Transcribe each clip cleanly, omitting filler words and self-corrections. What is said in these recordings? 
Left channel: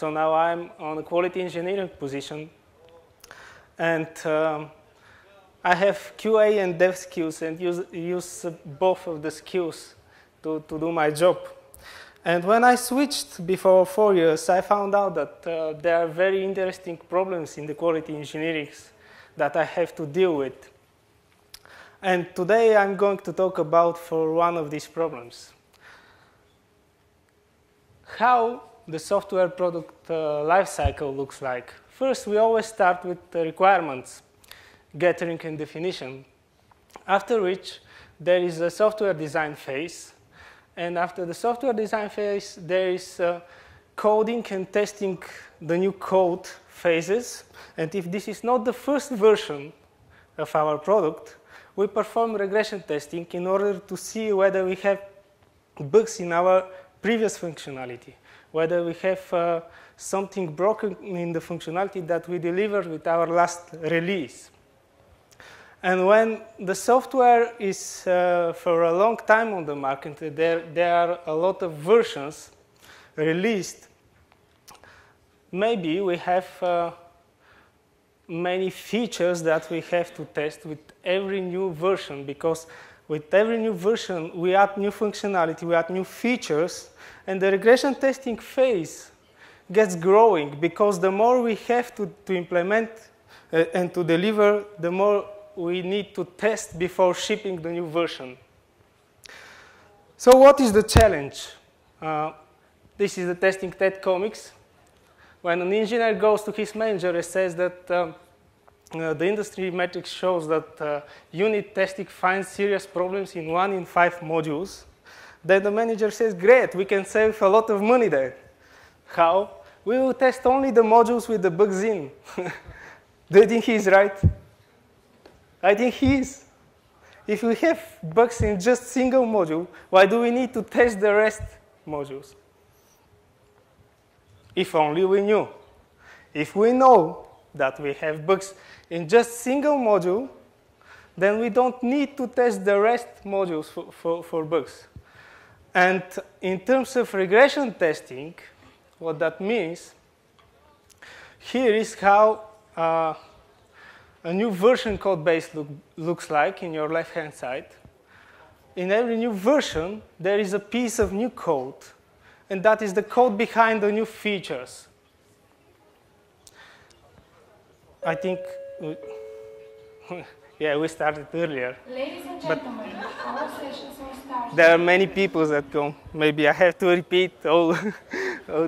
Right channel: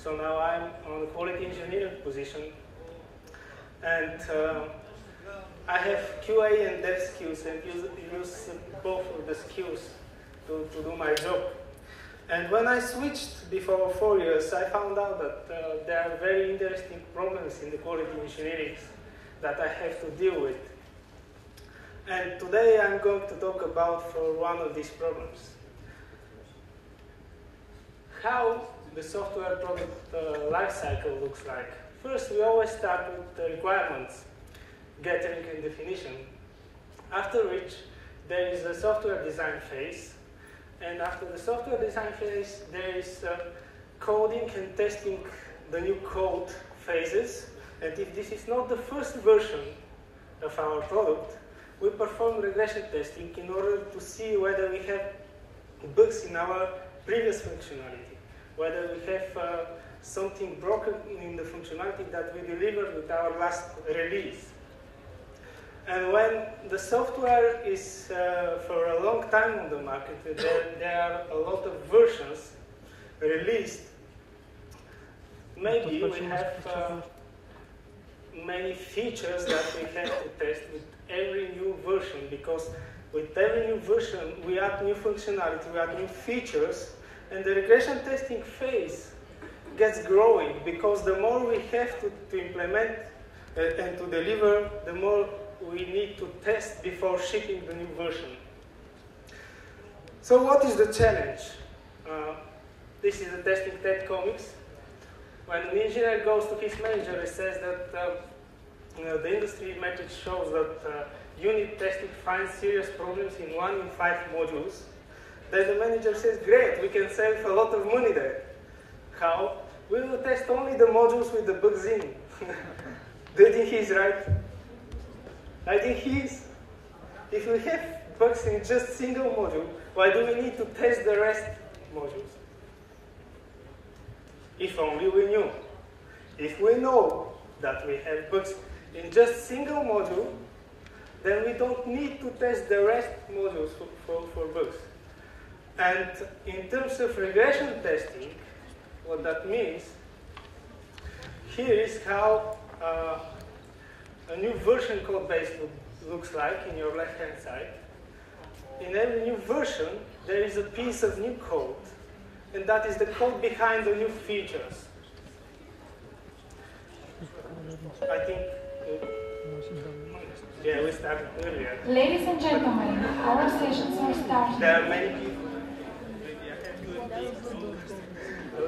So now I'm on a quality engineering position, and I have QA and dev skills, and use both of the skills to do my job. And when I switched before 4 years, I found out that there are very interesting problems in the quality engineering that I have to deal with. And today I'm going to talk about for one of these problems. How the software product lifecycle looks like. First, we always start with the requirements, gathering and definition. After which, there is a software design phase. And after the software design phase, there is coding and testing the new code phases. And if this is not the first version of our product, we perform regression testing in order to see whether we have bugs in our previous functionality, whether we have something broken in the functionality that we delivered with our last release. And when the software is for a long time on the market, there are a lot of versions released, maybe we have many features that we have to test with every new version, because with every new version we add new functionality, we add new features, and the regression testing phase gets growing, because the more we have to implement and to deliver, the more we need to test before shipping the new version. So what is the challenge? This is the testing TED comics. When an engineer goes to his manager and says that the industry metrics shows that unit testing finds serious problems in 1 in 5 modules, then the manager says, great, we can save a lot of money there. How? We will test only the modules with the bugs in. Do you think he's right? I think he is. If we have bugs in just single module, why do we need to test the rest modules? If only we knew. If we know that we have bugs in just single module, then we don't need to test the rest modules for bugs. And in terms of regression testing, what that means, here is how a new version code base looks like in your left-hand side. In every new version, there is a piece of new code, and that is the code behind the new features. I think, yeah, we started earlier. Ladies and gentlemen, our sessions are starting. There are many people that come. Maybe I have to repeat all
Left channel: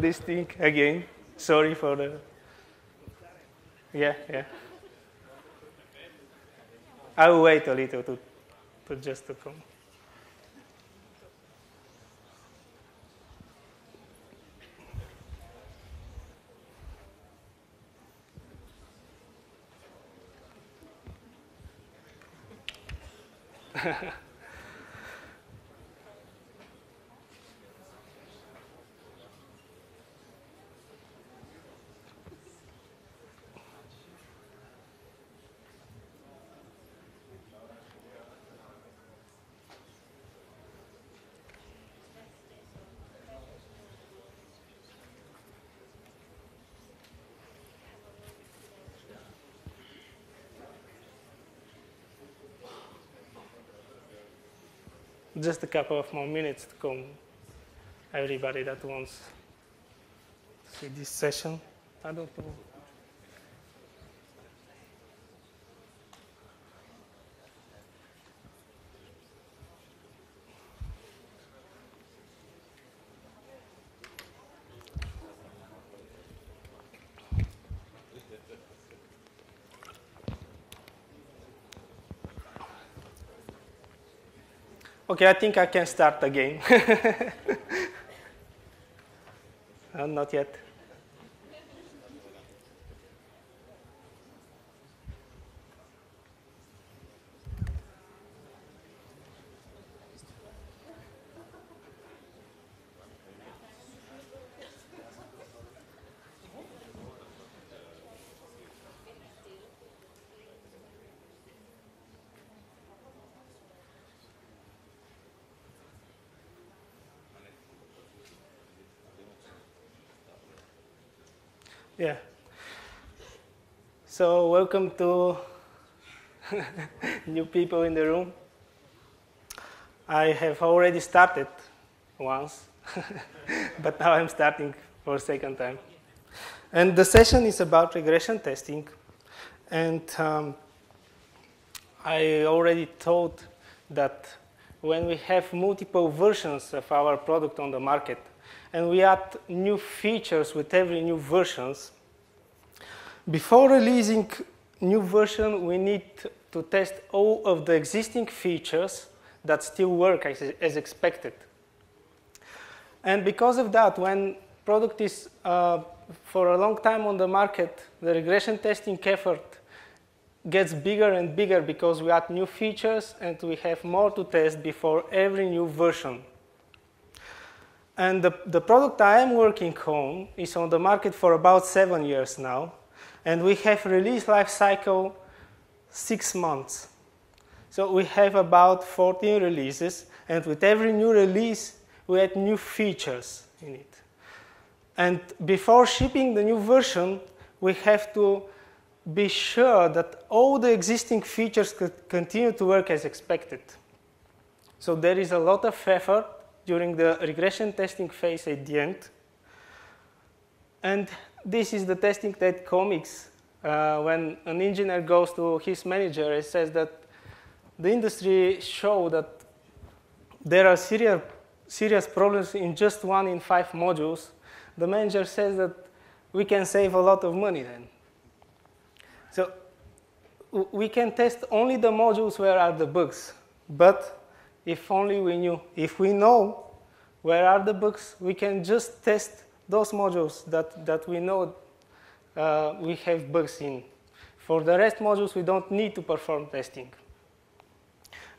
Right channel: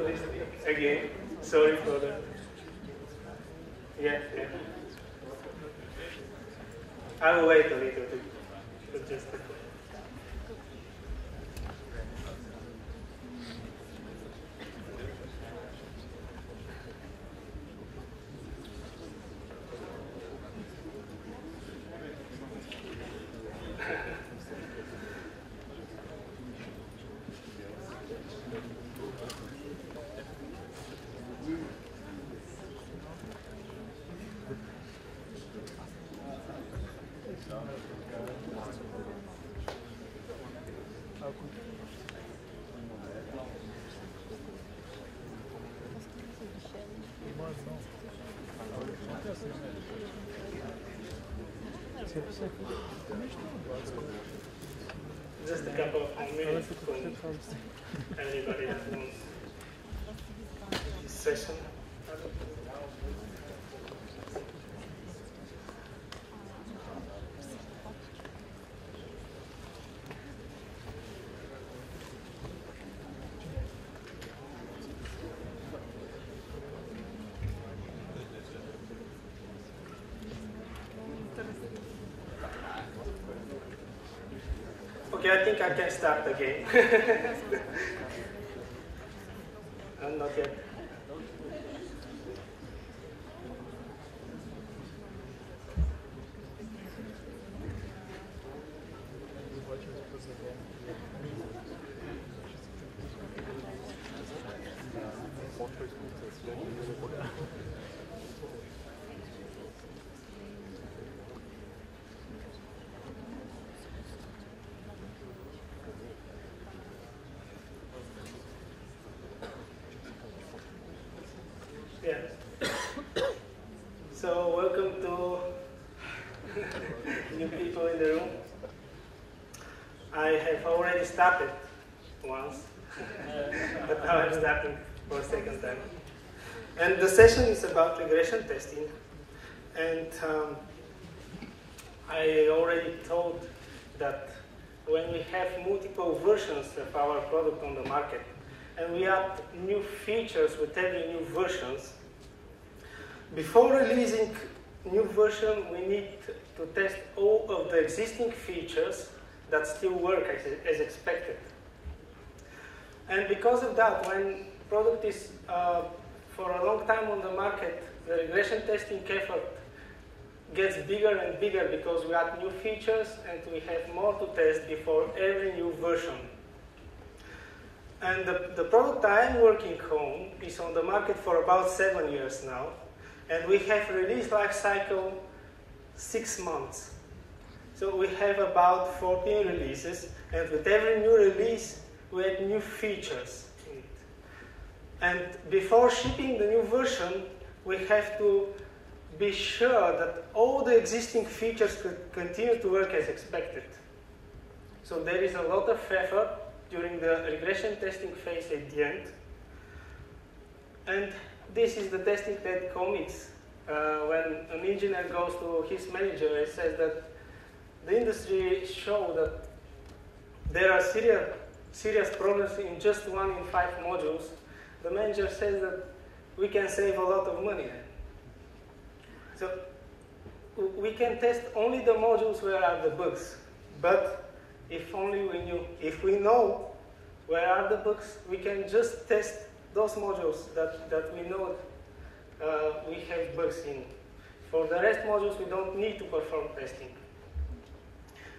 this thing again. Sorry for that. Yeah. I will wait a little to just to come. Just a couple of more minutes to come. Everybody that wants to see this session. I don't know. Okay, I think I can start again. Not yet. Yeah. So welcome to new people in the room. I have already started once, but now I'm starting for a second time. And the session is about regression testing. And I already told that when we have multiple versions of our product on the market, and we add new features with every new versions, before releasing new version, we need to test all of the existing features that still work as expected. And because of that, when product is for a long time on the market, the regression testing effort gets bigger and bigger because we add new features and we have more to test before every new version. And the product I am working on is on the market for about 7 years now, and we have release life cycle 6 months. So we have about 14 releases, and with every new release, we add new features in it. And before shipping the new version, we have to be sure that all the existing features continue to work as expected. So there is a lot of effort during the regression testing phase at the end. And this is the testing that comics. When an engineer goes to his manager and says that the industry show that there are serious problems in just 1 in 5 modules, the manager says that we can save a lot of money then. So we can test only the modules where are the bugs, but if only we knew. If we know where are the bugs, we can just test those modules that we know we have bugs in. For the rest modules, we don't need to perform testing.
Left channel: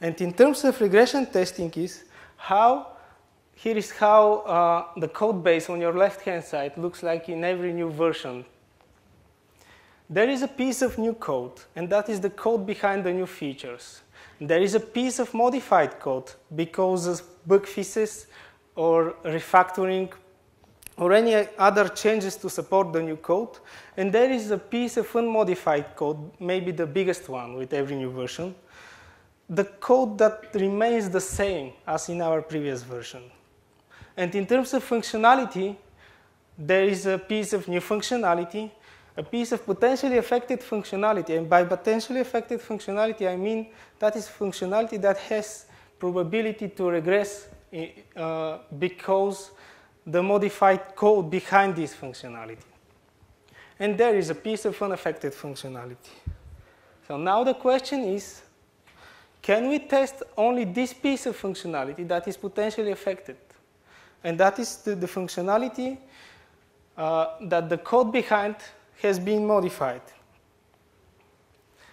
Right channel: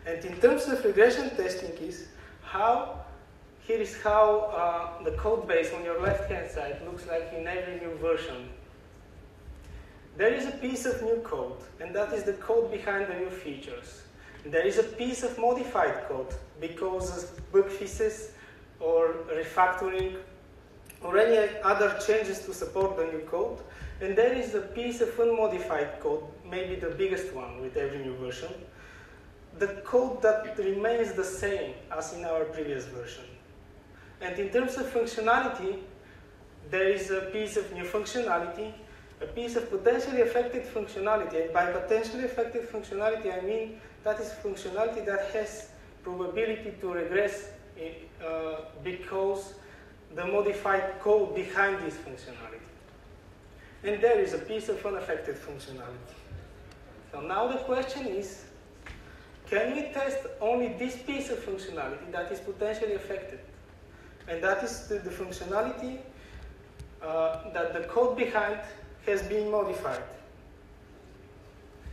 And in terms of regression testing here is how the code base on your left-hand side looks like in every new version. There is a piece of new code, and that is the code behind the new features. There is a piece of modified code because of bug fixes or refactoring or any other changes to support the new code. And there is a piece of unmodified code, maybe the biggest one with every new version, the code that remains the same as in our previous version. And in terms of functionality, there is a piece of new functionality, a piece of potentially affected functionality. And by potentially affected functionality, I mean that is functionality that has probability to regress because the modified code behind this functionality. And there is a piece of unaffected functionality. So now the question is, can we test only this piece of functionality that is potentially affected? And that is the functionality that the code behind has been modified.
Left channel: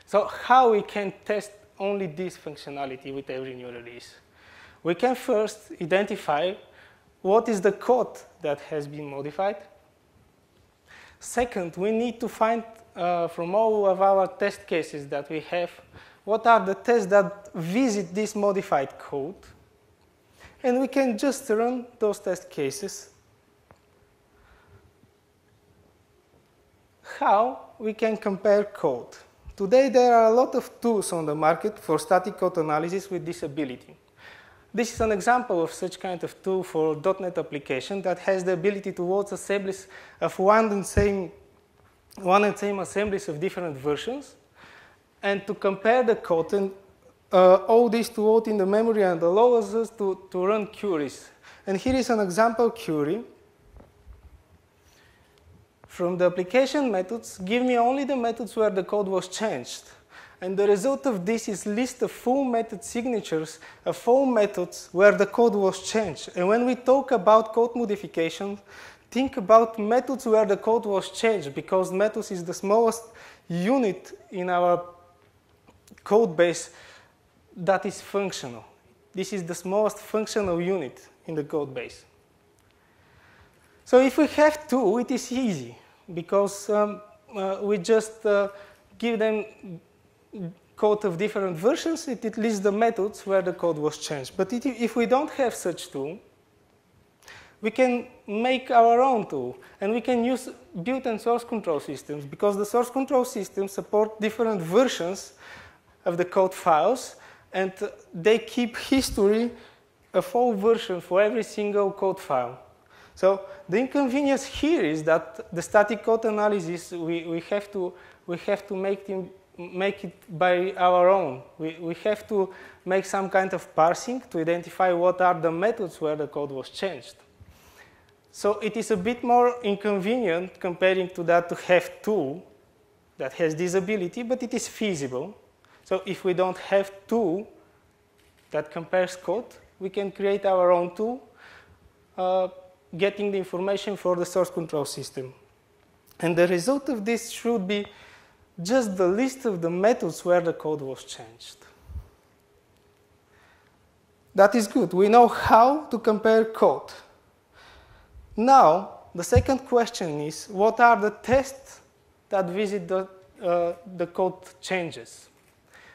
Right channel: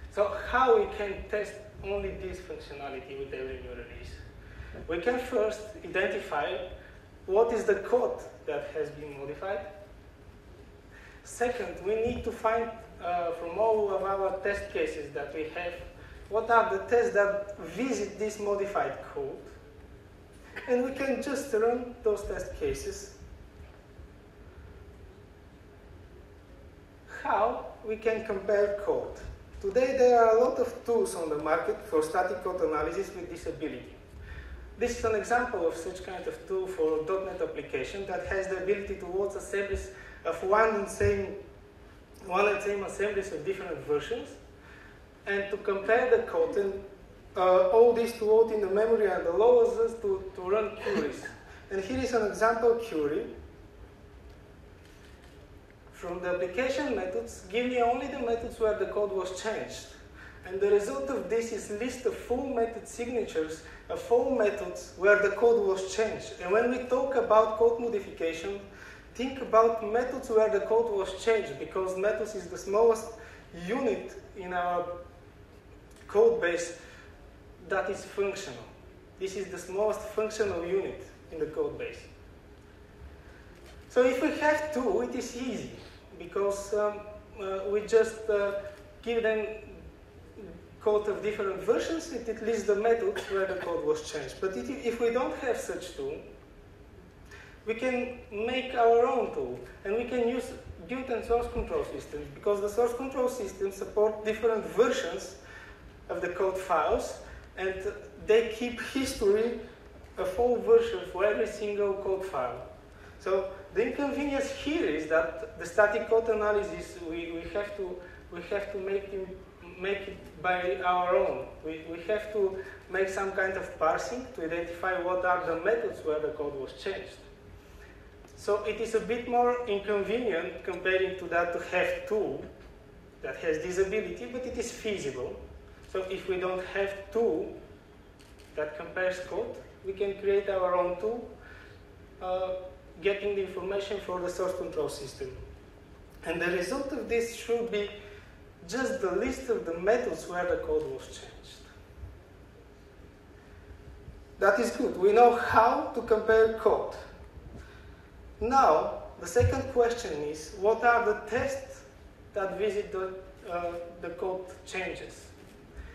So how we can test only this functionality with every new release? We can first identify what is the code that has been modified. Second, we need to find from all of our test cases that we have, what are the tests that visit this modified code. And we can just run those test cases. How we can compare code? Today there are a lot of tools on the market for static code analysis with this ability. This is an example of such kind of tool for .NET application that has the ability to load assemblies of one and same assemblies of different versions, and to compare the code and all this to load in the memory and allows us to run queries. And here is an example query. From the application methods, give me only the methods where the code was changed. And the result of this is list of full method signatures of all methods where the code was changed. And when we talk about code modification, think about methods where the code was changed, because methods is the smallest unit in our code base that is functional. This is the smallest functional unit in the code base. So if we have two, it is easy, because we just give them code of different versions. It lists the methods where the code was changed. But if we don't have such tool, we can make our own tool, and we can use built-in source control systems, because the source control systems support different versions of the code files, and they keep history of all versions for every single code file. So the inconvenience here is that the static code analysis, we have to make it by our own. We have to make some kind of parsing to identify what are the methods where the code was changed. So it is a bit more inconvenient comparing to that to have tool that has this ability, but it is feasible. So if we don't have tool that compares code, we can create our own tool, getting the information for the source control system. And the result of this should be just the list of the methods where the code was changed. That is good. We know how to compare code. Now, the second question is, what are the tests that visit the code changes?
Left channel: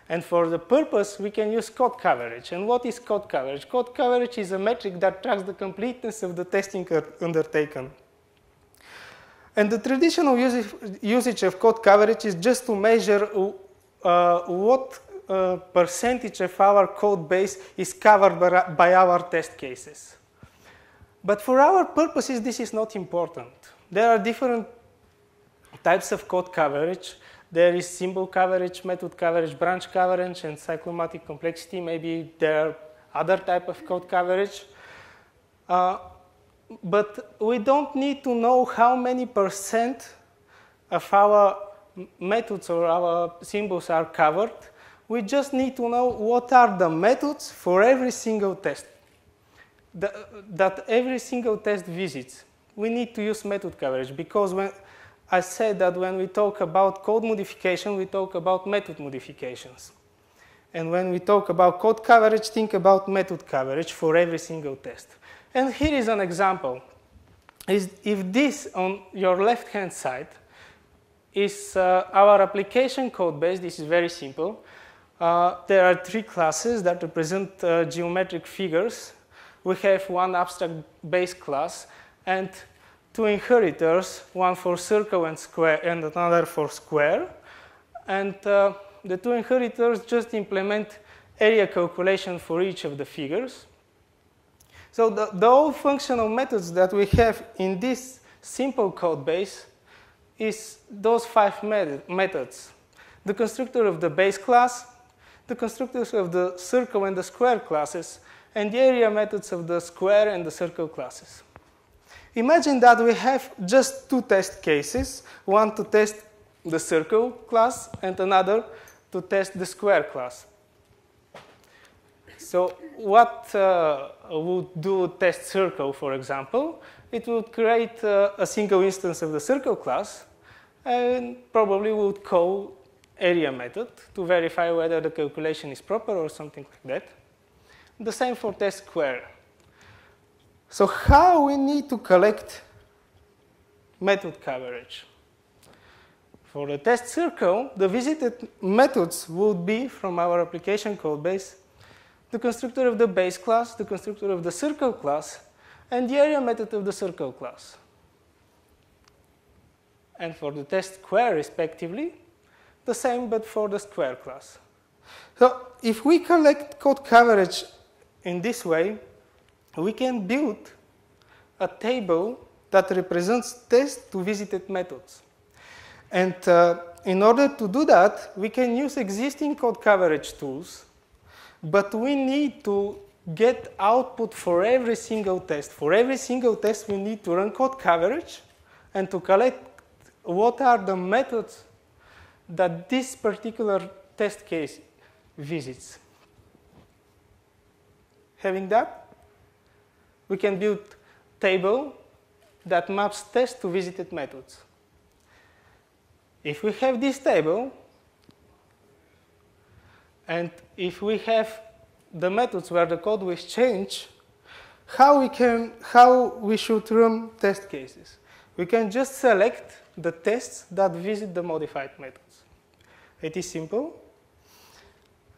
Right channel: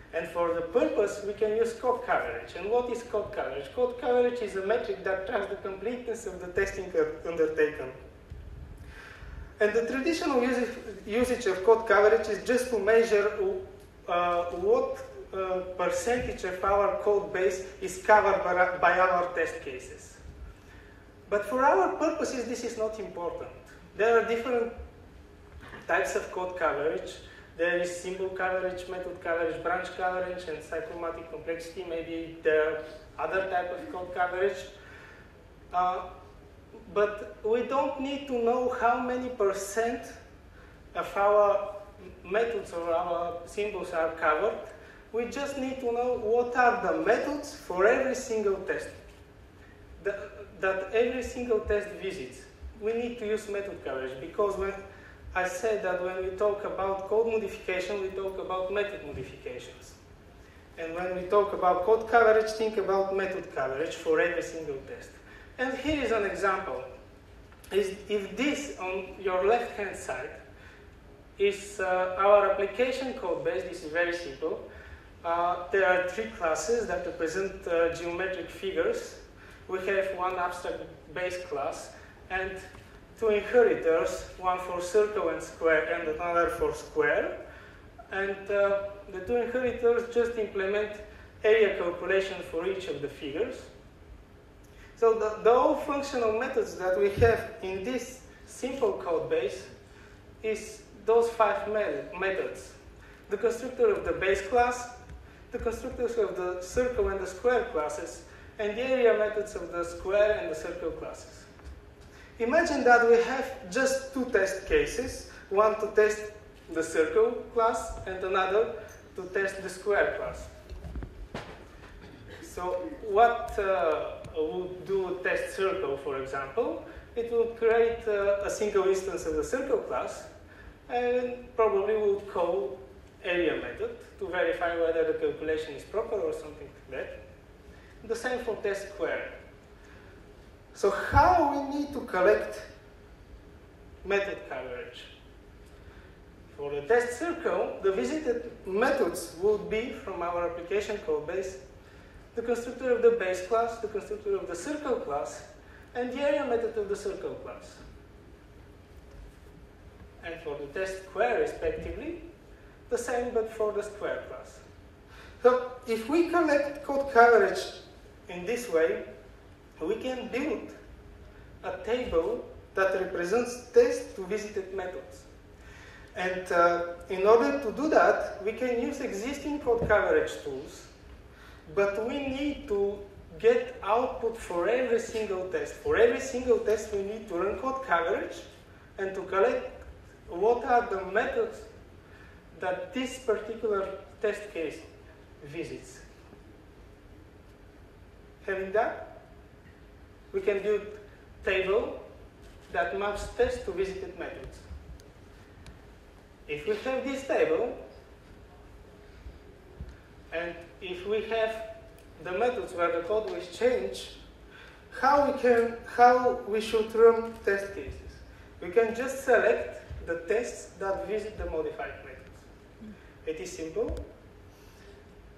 And for the purpose, we can use code coverage. And what is code coverage? Code coverage is a metric that tracks the completeness of the testing undertaken. And the traditional usage of code coverage is just to measure what percentage of our code base is covered by our test cases. But for our purposes, this is not important. There are different types of code coverage. There is symbol coverage, method coverage, branch coverage, and cyclomatic complexity. Maybe there are other types of code coverage. But we don't need to know how many percent of our methods or our symbols are covered. We just need to know what are the methods for every single test that every single test visits. We need to use method coverage, because when I said that when we talk about code modification, we talk about method modifications. And when we talk about code coverage, think about method coverage for every single test. And here is an example. If this on your left-hand side is our application code base, this is very simple. There are three classes that represent geometric figures. We have one abstract base class and two inheritors, one for circle and square and another for square. And the two inheritors just implement area calculation for each of the figures. So the all functional methods that we have in this simple code base is those 5 methods. The constructor of the base class, the constructors of the circle and the square classes, and the area methods of the square and the circle classes. Imagine that we have just two test cases, one to test the circle class and another to test the square class. So what would do test circle, for example? It would create a single instance of the circle class and probably would call area method to verify whether the calculation is proper or something like that. The same for test square. So how we need to collect method coverage? For the test circle, the visited methods would be from our application code base, the constructor of the base class, the constructor of the circle class, and the area method of the circle class. And for the test square, respectively, the same but for the square class. So if we collect code coverage in this way, we can build a table that represents test to visited methods. And in order to do that, we can use existing code coverage tools, but we need to get output for every single test. For every single test, we need to run code coverage and to collect what are the methods that this particular test case visits. Having that, we can build a table that maps test to visited methods. If we have this table, and if we have the methods where the code was changed, how we should run test cases? We can just select the tests that visit the modified methods. It is simple.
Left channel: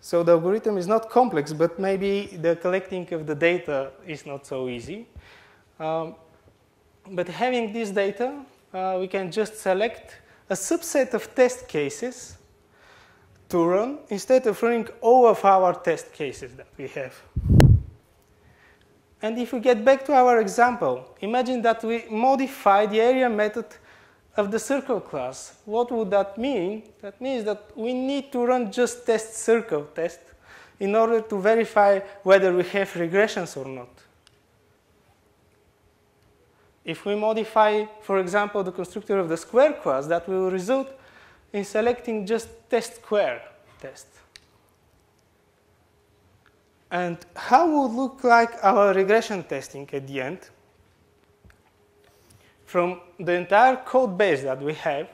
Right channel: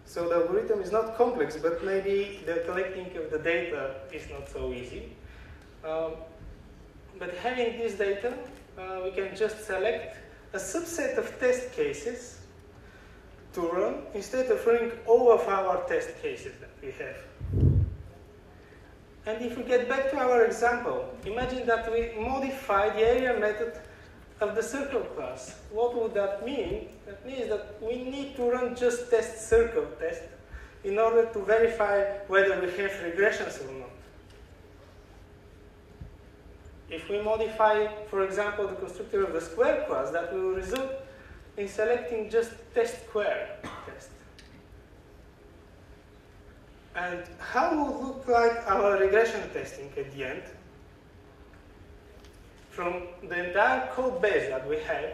So the algorithm is not complex, but maybe the collecting of the data is not so easy. But having this data, we can just select a subset of test cases to run instead of running all of our test cases that we have. And if we get back to our example, imagine that we modify the area method of the circle class. What would that mean? That means that we need to run just test circle test in order to verify whether we have regressions or not. If we modify, for example, the constructor of the square class, that will result in selecting just test square test. And how would look like our regression testing at the end? From the entire code base that we have,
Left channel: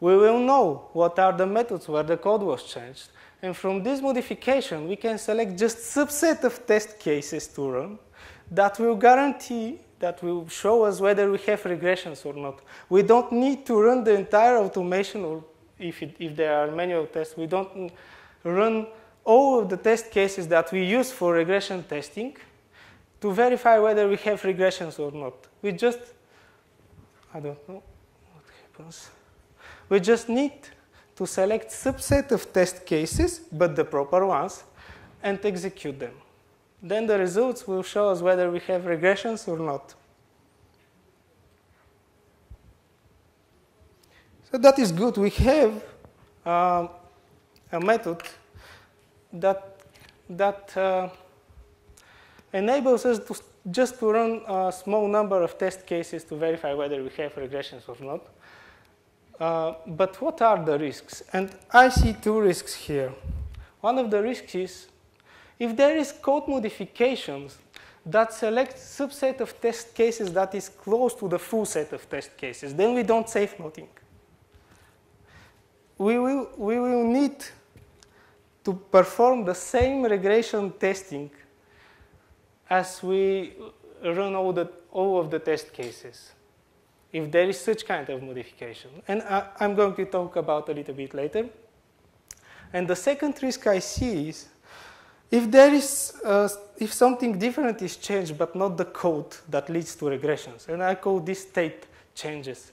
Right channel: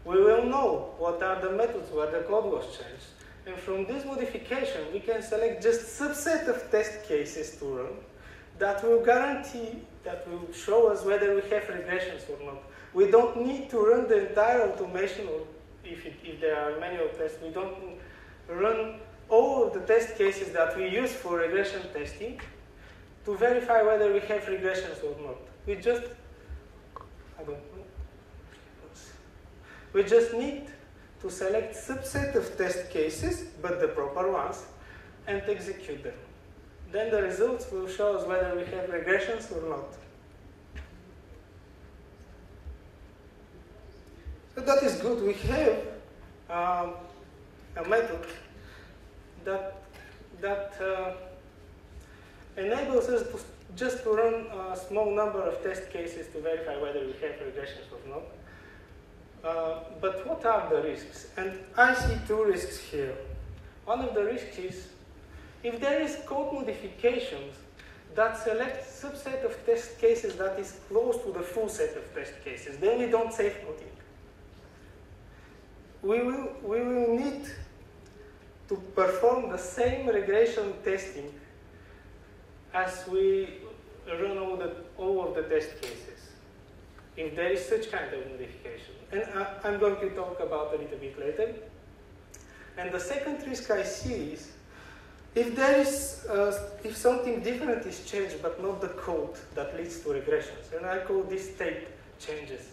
we will know what are the methods where the code was changed. And from this modification, we can select just subset of test cases to run that will guarantee, that will show us whether we have regressions or not. We don't need to run the entire automation, or if there are manual tests, we don't run all of the test cases that we use for regression testing to verify whether we have regressions or not. We just, I don't know what happens. We just need to select subset of test cases, but the proper ones, and execute them. Then the results will show us whether we have regressions or not. So that is good. We have a method that enables us to just to run a small number of test cases to verify whether we have regressions or not. But what are the risks? And I see two risks here. One of the risks is if there is code modifications that select subset of test cases that is close to the full set of test cases, then we don't save nothing. We will need to perform the same regression testing as we run all of the test cases, if there is such kind of modification. And I'm going to talk about a little bit later. And the second risk I see is if there is, if something different is changed but not the code that leads to regressions, and I call this state changes.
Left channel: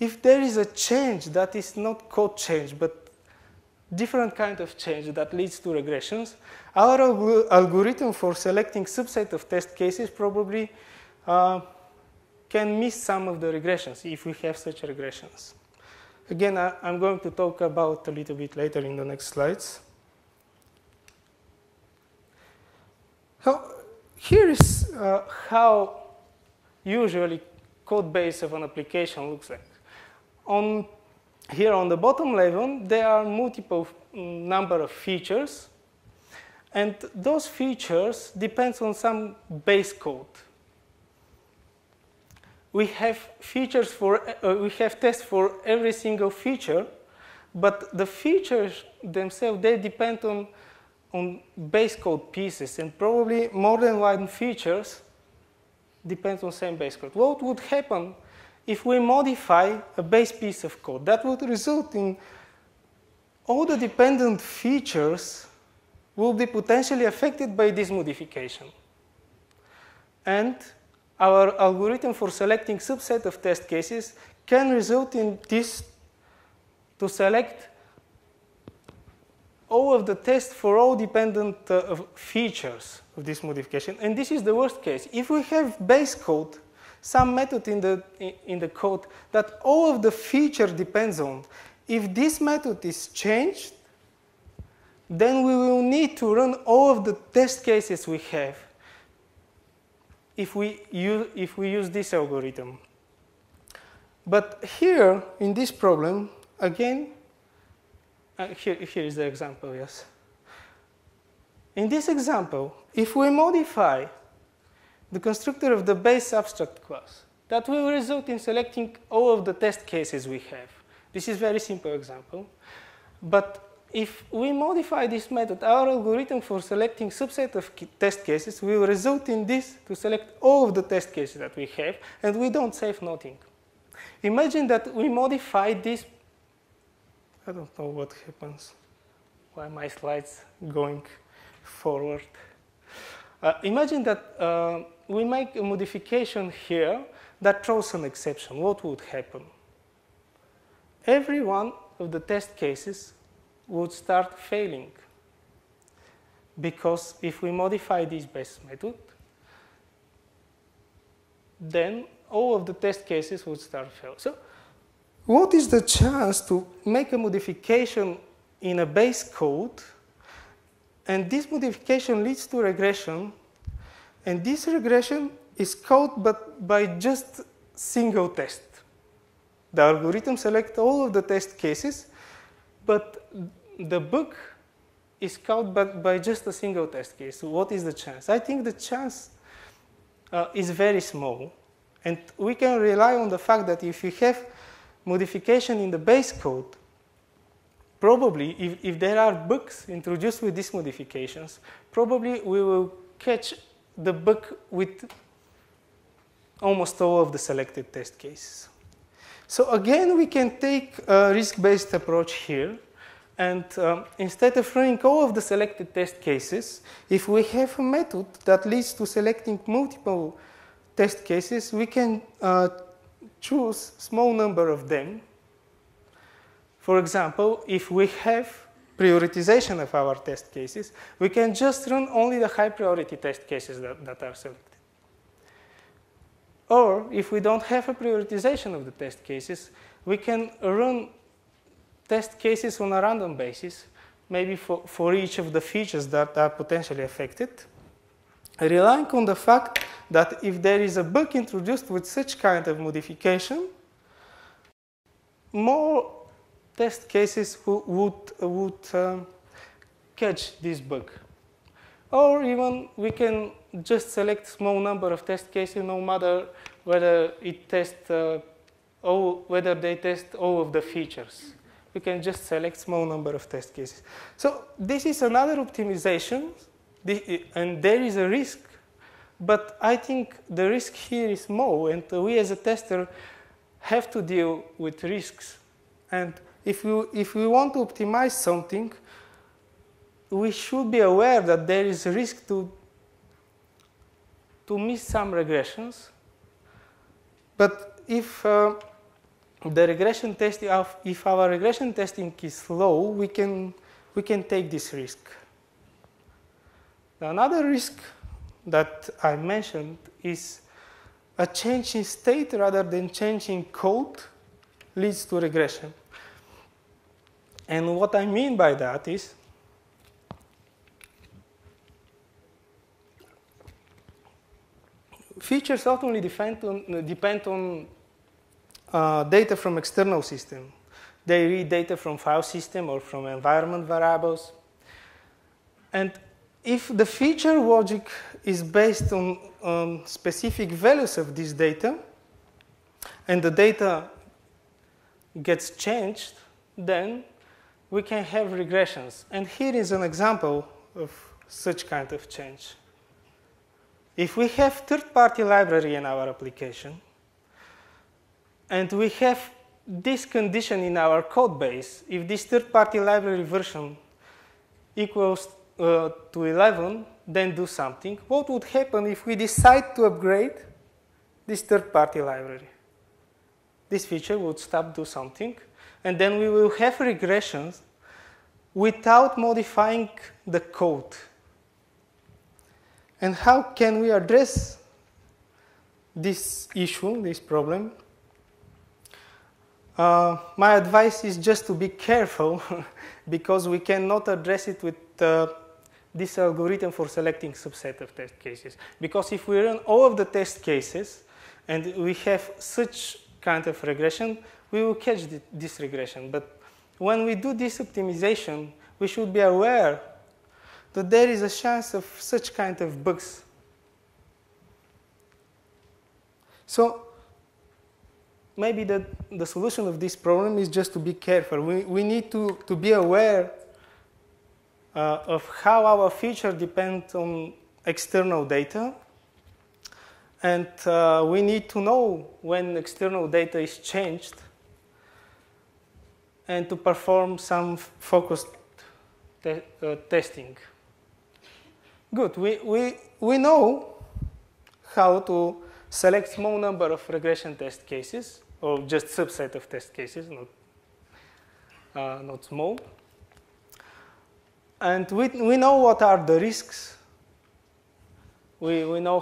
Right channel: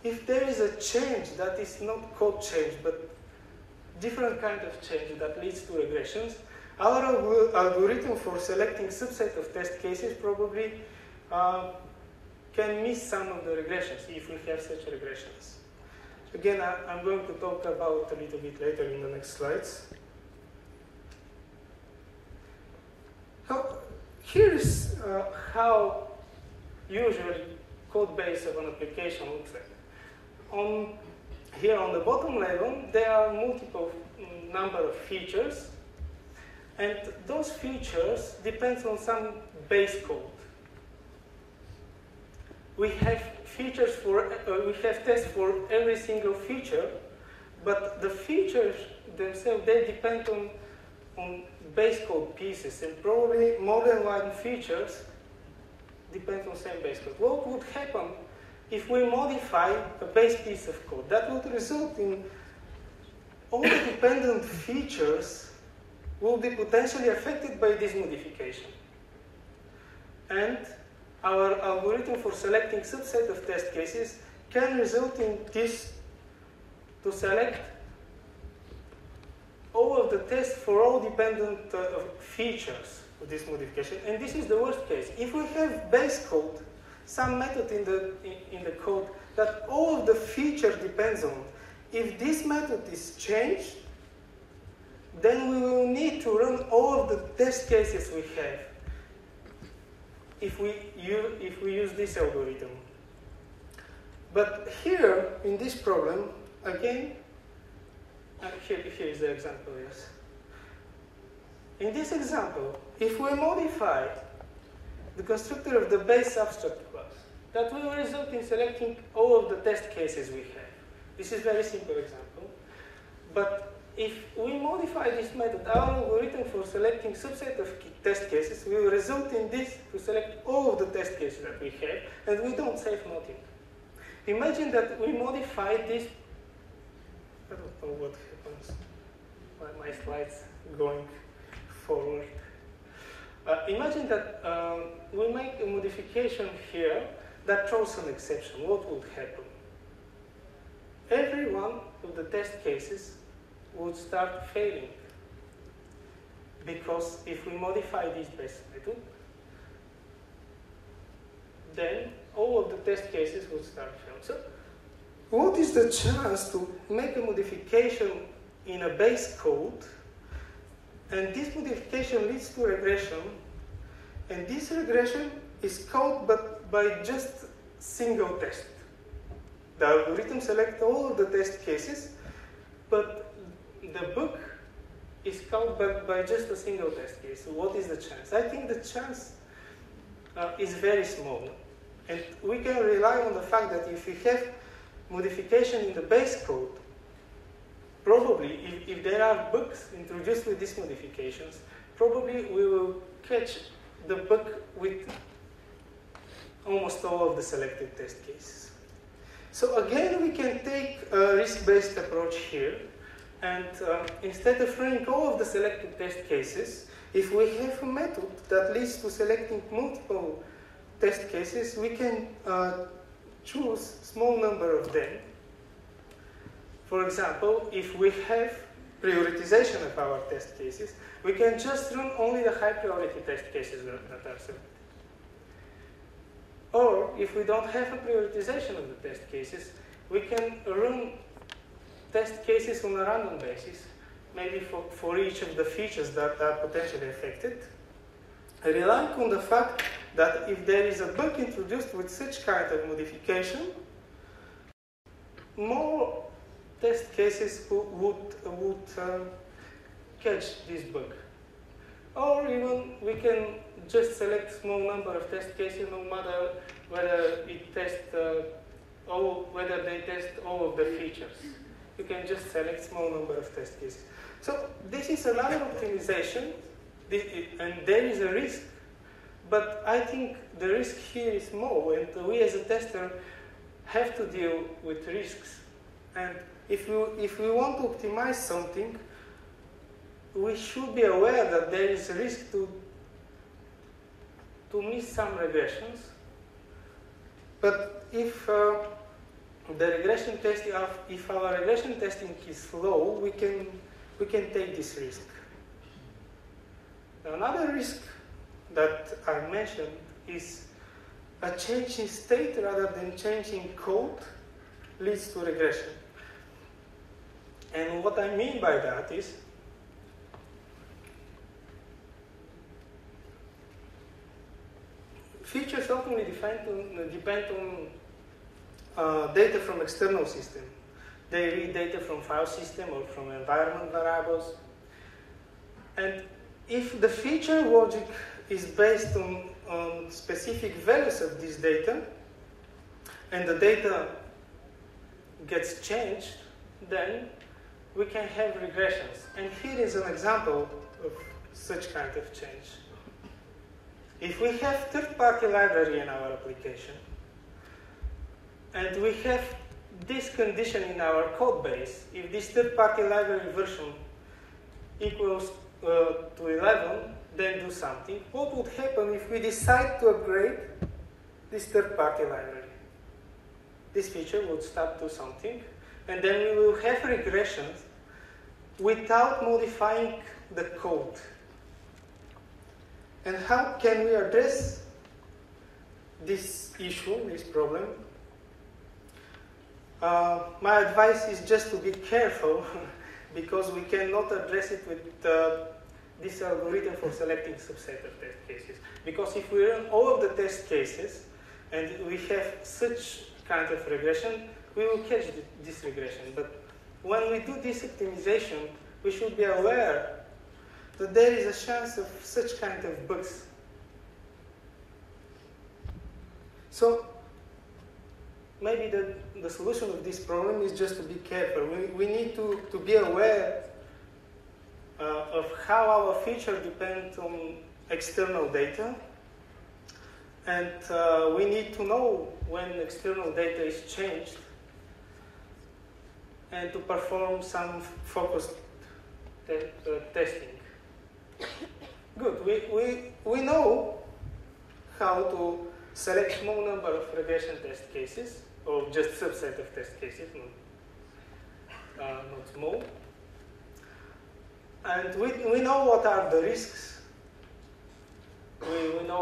If there is a change that is not code change but different kind of change that leads to regressions, our algorithm for selecting subset of test cases probably can miss some of the regressions if we have such regressions. Again, I'm going to talk about a little bit later in the next slides. So here is how usually code base of an application looks like. Here on the bottom level, there are multiple number of features, and those features depend on some base code. We have features for, we have tests for every single feature, but the features themselves, they depend on base code pieces, and probably more than one features depends on same base code. What would happen if we modify a base piece of code? That would result in all the dependent features will be potentially affected by this modification. And our algorithm for selecting subset of test cases can result in this to select all of the tests for all dependent features of this modification. And this is the worst case. If we have base code, some method in the code that all of the feature depends on, if this method is changed, then we will need to run all of the test cases we have if we use this algorithm. But here, in this problem, again, here is the example, yes. In this example, if we modify the constructor of the base abstract class, that will result in selecting all of the test cases we have. This is a very simple example. But if we modify this method, our algorithm for selecting subset of test cases will result in this to select all of the test cases that we have, and we don't save nothing. Imagine that we modify this. I don't know what happens. Why my slides going forward? Imagine that we make a modification here that throws an exception. What would happen? every one of the test cases would start failing. Because if we modify this base method, then all of the test cases would start failing. So what is the chance to make a modification in a base code, and this modification leads to regression, and this regression is caught by just single test. The algorithm selects all of the test cases, but the bug is caught by just a single test case. So what is the chance? I think the chance is very small. And we can rely on the fact that if we have modification in the base code, probably if there are bugs introduced with these modifications, probably we will catch the bug with almost all of the selected test cases. So again, we can take a risk-based approach here, and instead of running all of the selected test cases, if we have a method that leads to selecting multiple test cases, we can choose a small number of them. For example, if we have prioritization of our test cases, we can just run only the high priority test cases that are selected. Or if we don't have a prioritization of the test cases, we can run test cases on a random basis, maybe for each of the features that are potentially affected, relying on the fact that if there is a bug introduced with such kind of modification, more test cases would catch this bug. Or even we can just select small number of test cases, no matter whether it tests whether they test all of the features. We can just select small number of test cases. So this is another optimization, and there is a risk, but I think the risk here is small, and we as a tester have to deal with risks. And if we want to optimize something, we should be aware that there is a risk to miss some regressions. But if our regression testing is low, we can take this risk. Another risk that I mentioned is a change in state rather than change in code leads to regression. And what I mean by that is features ultimately depend on data from external system. They read data from file system or from environment variables. And if the feature logic is based on specific values of this data, and the data gets changed, then we can have regressions. And here is an example of such kind of change. If we have third-party library in our application, and we have this condition in our code base, if this third-party library version equals to 11, then do something. What would happen if we decide to upgrade this third-party library? This feature would stop do something, and then we will have regressions without modifying the code. And how can we address this issue, this problem? My advice is just to be careful because we cannot address it with this algorithm for selecting subset of test cases. Because if we run all of the test cases and we have such kind of regression, we will catch this regression. But when we do this optimization, we should be aware that there is a chance of such kind of bugs. So maybe the solution of this problem is just to be careful. We need to be aware of how our feature depends on external data. And we need to know when external data is changed and to perform some focused testing. Good. We know how to select small number of regression test cases, or just subset of test cases, not not small. And we know what are the risks. We know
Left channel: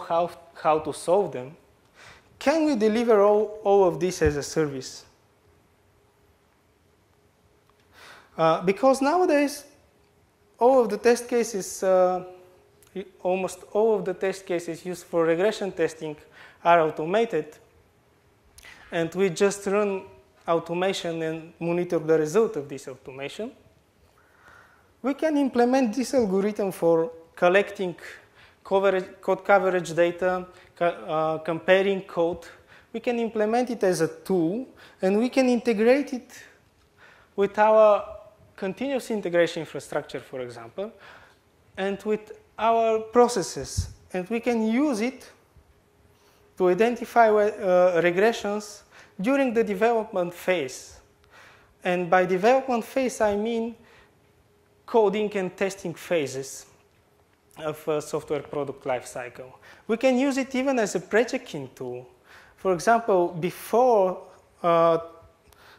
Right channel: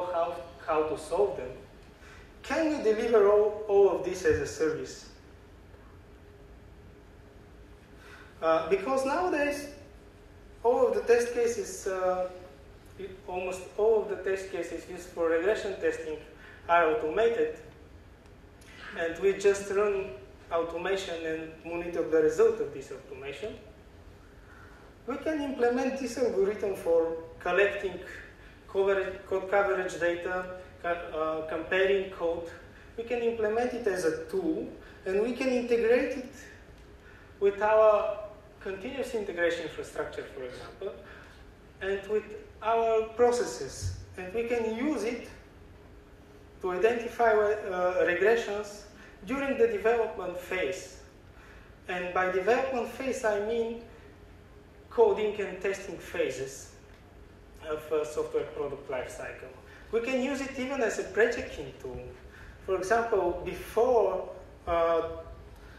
how to solve them. Can we deliver all of this as a service? Because nowadays, all of the test cases, almost all of the test cases used for regression testing are automated, and we just run automation and monitor the result of this automation. We can implement this algorithm for collecting code coverage data, comparing code. We can implement it as a tool, and we can integrate it with our continuous integration infrastructure, for example, and with our processes. And we can use it to identify regressions during the development phase. And by development phase, I mean coding and testing phases of a software product lifecycle. We can use it even as a pre-checking tool. For example, before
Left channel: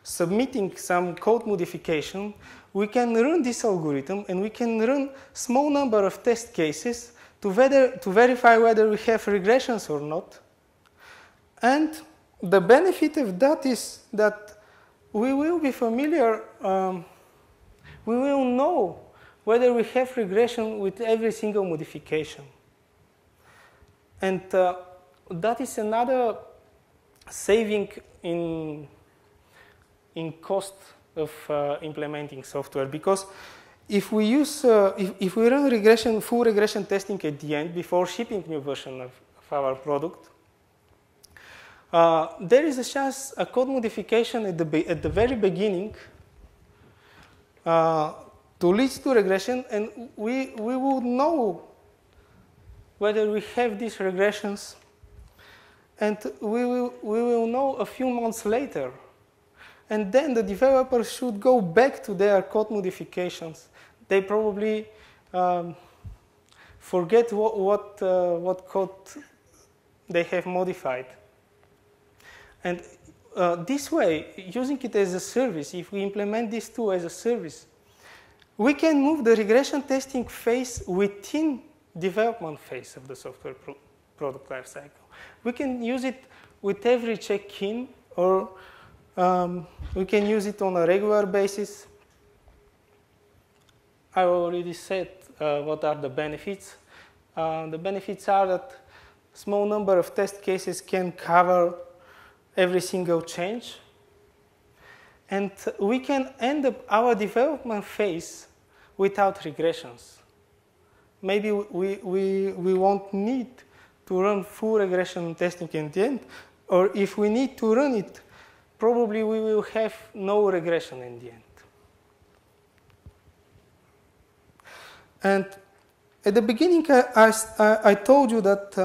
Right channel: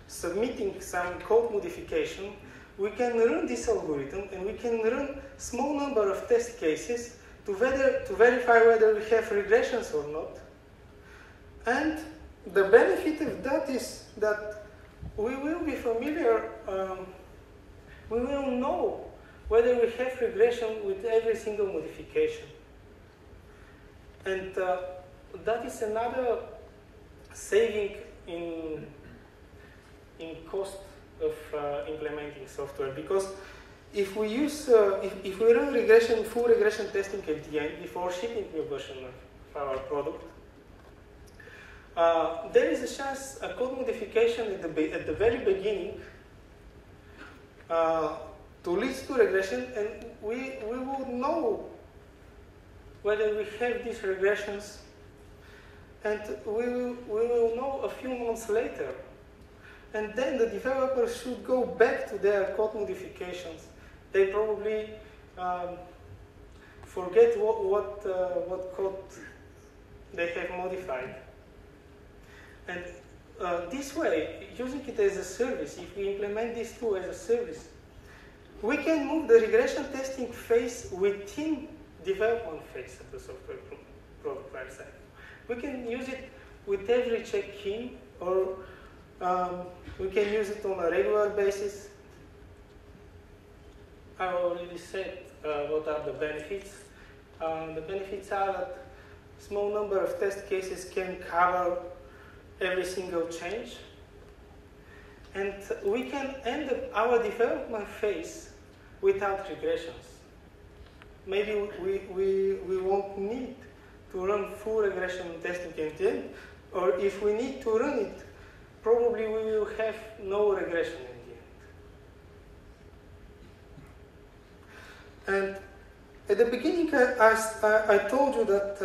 submitting some code modification, we can run this algorithm, and we can run small number of test cases to verify whether we have regressions or not. And the benefit of that is that we will be familiar, we will know whether we have regression with every single modification. And that is another saving in cost of implementing software, because if we use if we run full regression testing at the end before shipping new version of our product, there is a chance a code modification at the very beginning to lead to regression, and we will know whether we have these regressions, and we will know a few months later. And then the developers should go back to their code modifications. They probably forget what code they have modified. And this way, using it as a service, if we implement this tool as a service, we can move the regression testing phase within development phase of the software product lifecycle. We can use it with every check-in, or we can use it on a regular basis. I already said what are the benefits. The benefits are that a small number of test cases can cover every single change. And we can end up our development phase without regressions. Maybe we won't need to run full regression testing at the end, or if we need to run it, probably we will have no regression in the end. And at the beginning, I told you that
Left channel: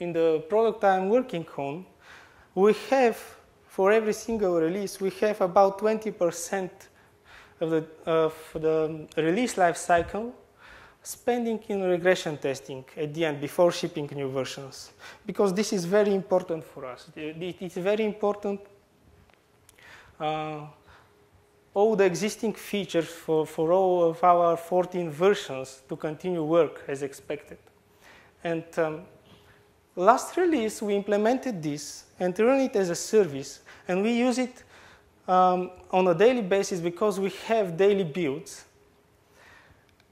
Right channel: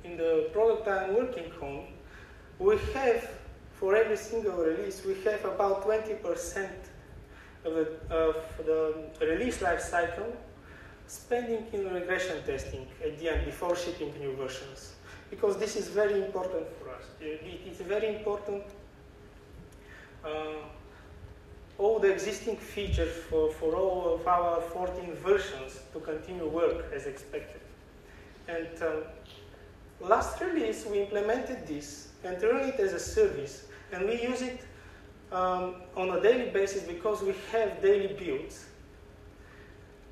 in the product I'm working on, we have, for every single release, we have about 20% of the release life cycle spending in regression testing at the end, before shipping new versions. Because this is very important for us. It is very important all the existing features for all of our 14 versions to continue work as expected. And last release, we implemented this and run it as a service. And we use it on a daily basis because we have daily builds.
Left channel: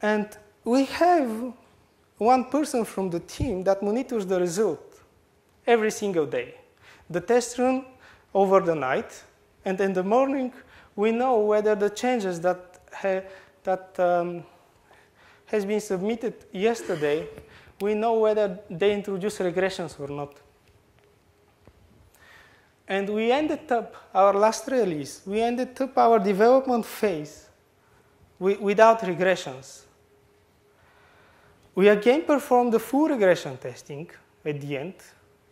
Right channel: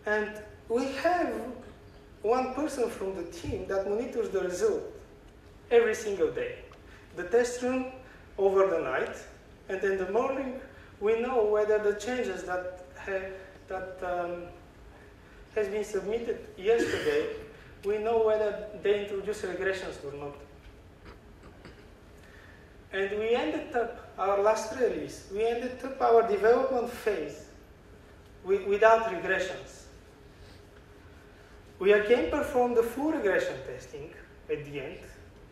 And we have one person from the team that monitors the result every single day. The tests run over the night, and in the morning we know whether the changes that has been submitted yesterday, we know whether they introduce regressions or not. And we ended up our last release, we ended up our development phase without regressions. We again performed the full regression testing at the end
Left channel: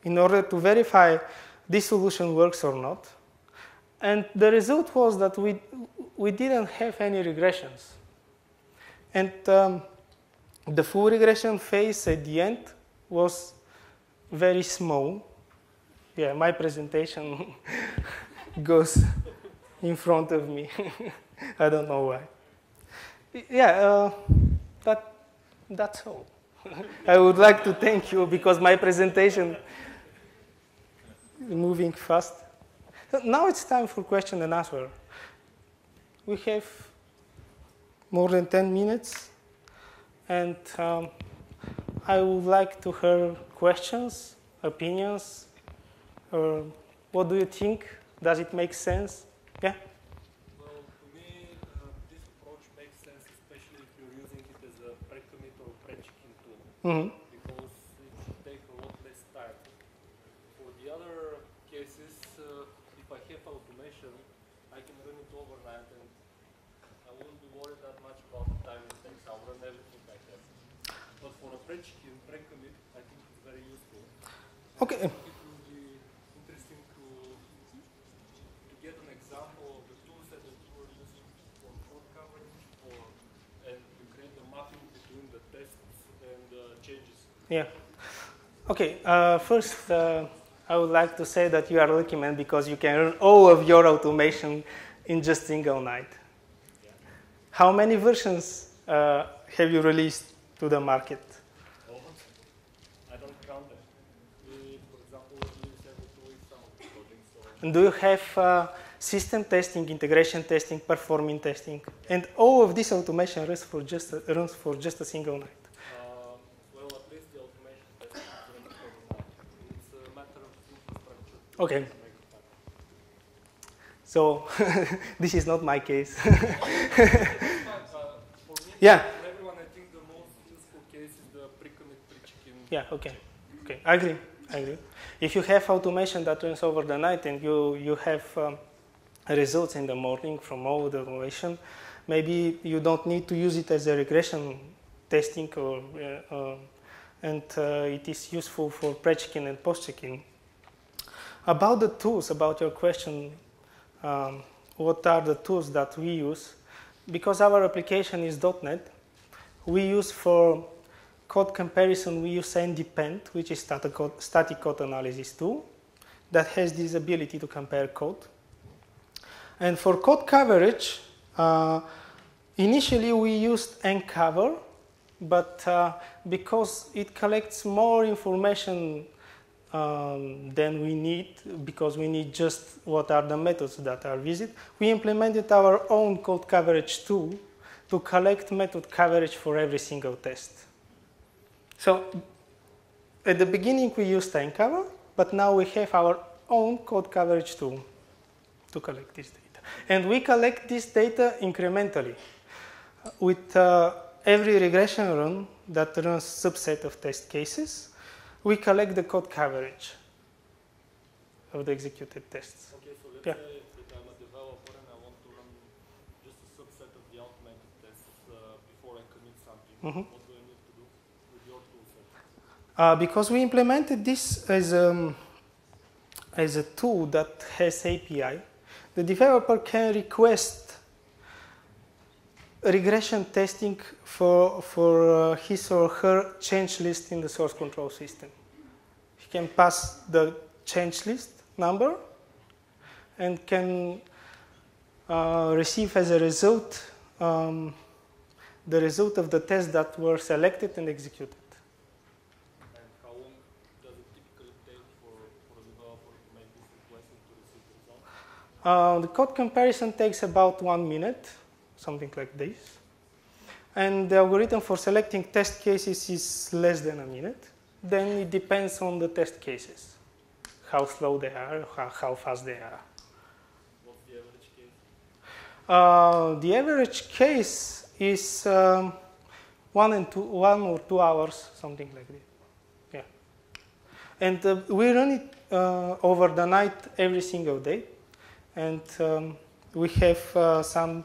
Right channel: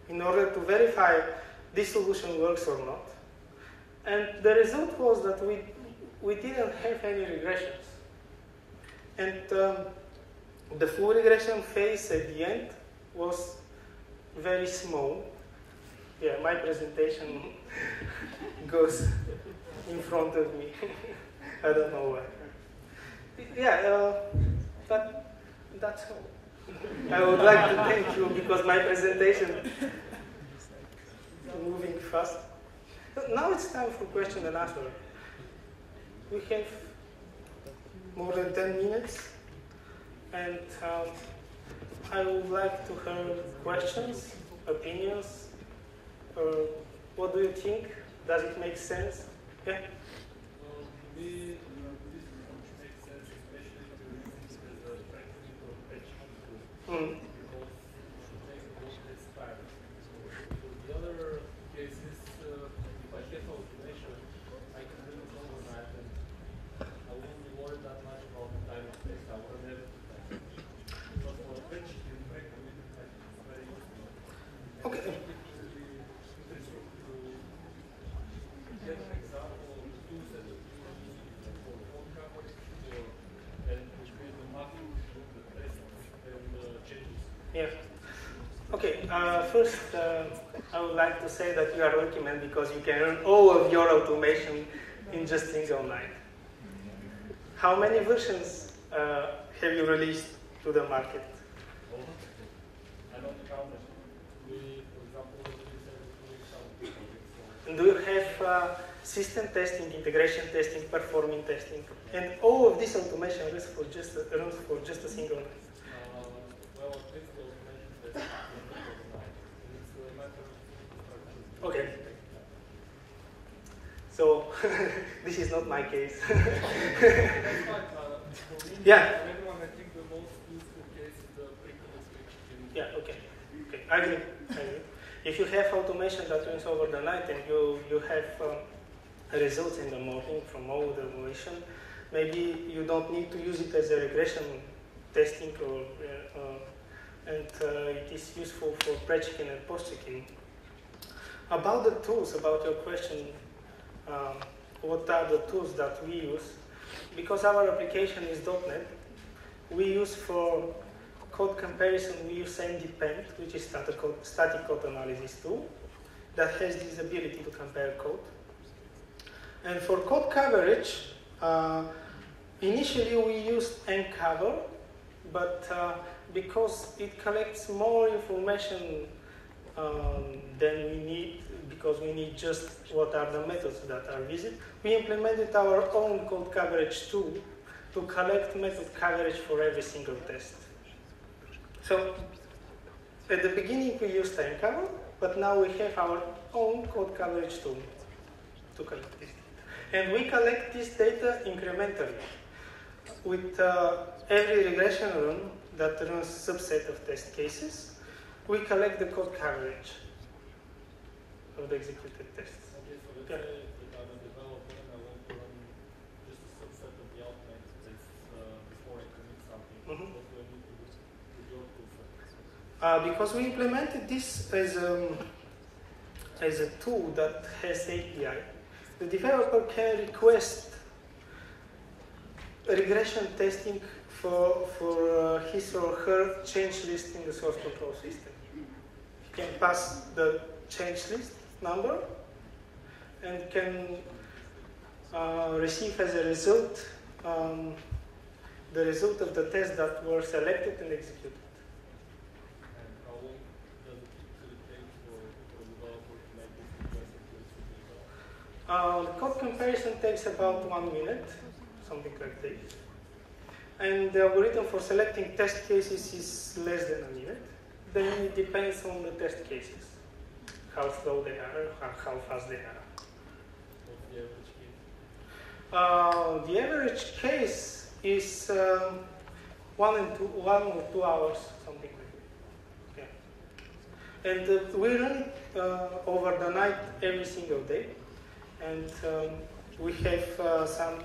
in order to verify this solution works or not. And the result was that we didn't have any regressions. And the full regression phase at the end was very small. Yeah, my presentation goes in front of me. I don't know why. Yeah, that's all. I would like to thank you because my presentation is moving fast. Now it's time for question and answer. We have more than 10 minutes, and I would like to hear questions, opinions, or what do you think? Does it make sense? Yeah? Well, to me, this approach makes sense, especially if you're using it as a practical practical tool, Mm-hmm. because it should make the work less time. For the other cases, if I have automation, I can do it overnight, and I won't be worried that much about the time it takes. I will measure the time. But for a practical, I think it's very useful. Okay. Get an example of the tools that you are using for code coverage and create the map doing the tests and changes. Yeah. Okay. First, I would like to say that you are lucky, man, because you can run all of your automation in just single night. How many versions have you released to the market? I don't count it. For example, we use every 2 weeks some projects. And do you have system testing, integration testing, performing testing, and all of this automation runs for just a single night? Well, at least the automation testing it's a matter of Okay. So this is not my case. Yeah. Everyone, I think the most useful case is the pre-commit switching. Yeah. Okay. Okay. I agree. If you have automation that runs over the night and you have results in the morning from all the automation, maybe you don't need to use it as a regression testing, and it is useful for pre-checking and post-checking. About the tools, about your question, what are the tools that we use? Because our application is .NET, we use for code comparison, we use ndepend, which is static code analysis tool that has this ability to compare code. And for code coverage, initially we used ncover, but because it collects more information than we need, because we need just what are the methods that are visited, we implemented our own code coverage tool to collect method coverage for every single test. So at the beginning we used ncover, but now we have our own code coverage tool to collect this data. And we collect this data incrementally. With every regression run that runs subset of test cases, we collect the code coverage of the executed tests. Okay, so let's Yeah. say that I'm a developer and I want to run just a subset of the automated tests before I commit something. Mm-hmm. What do I need to do with your tool set? Because we implemented this as a tool that has API, the developer can request regression testing for his or her change list in the source control system. He can pass the change list number and can receive as a result the result of the tests that were selected and executed. And how long does it typically take for a developer to make this regression to the system? The code comparison takes about 1 minute, something like this. And the algorithm for selecting test cases is less than a minute. Then it depends on the test cases, how slow they are, how fast they are. What's the average case? The average case is 1 or 2 hours, something like that. Yeah. And we run it over the night every single day. And we have some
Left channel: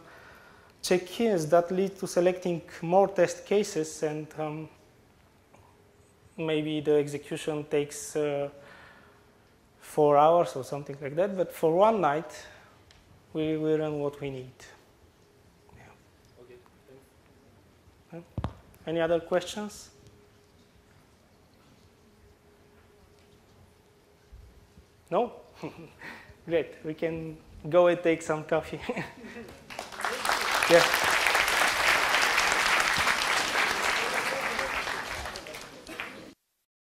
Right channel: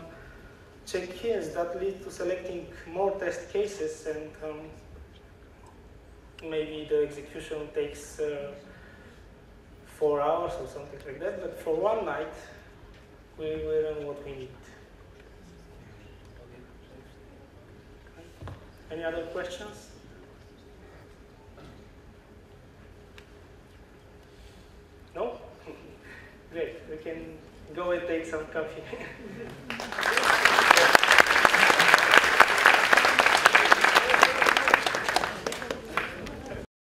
check-ins that lead to selecting more test cases, and maybe the execution takes 4 hours or something like that. But for one night, we will run what we need. Okay. Any other questions? No? Great. We can go and take some coffee.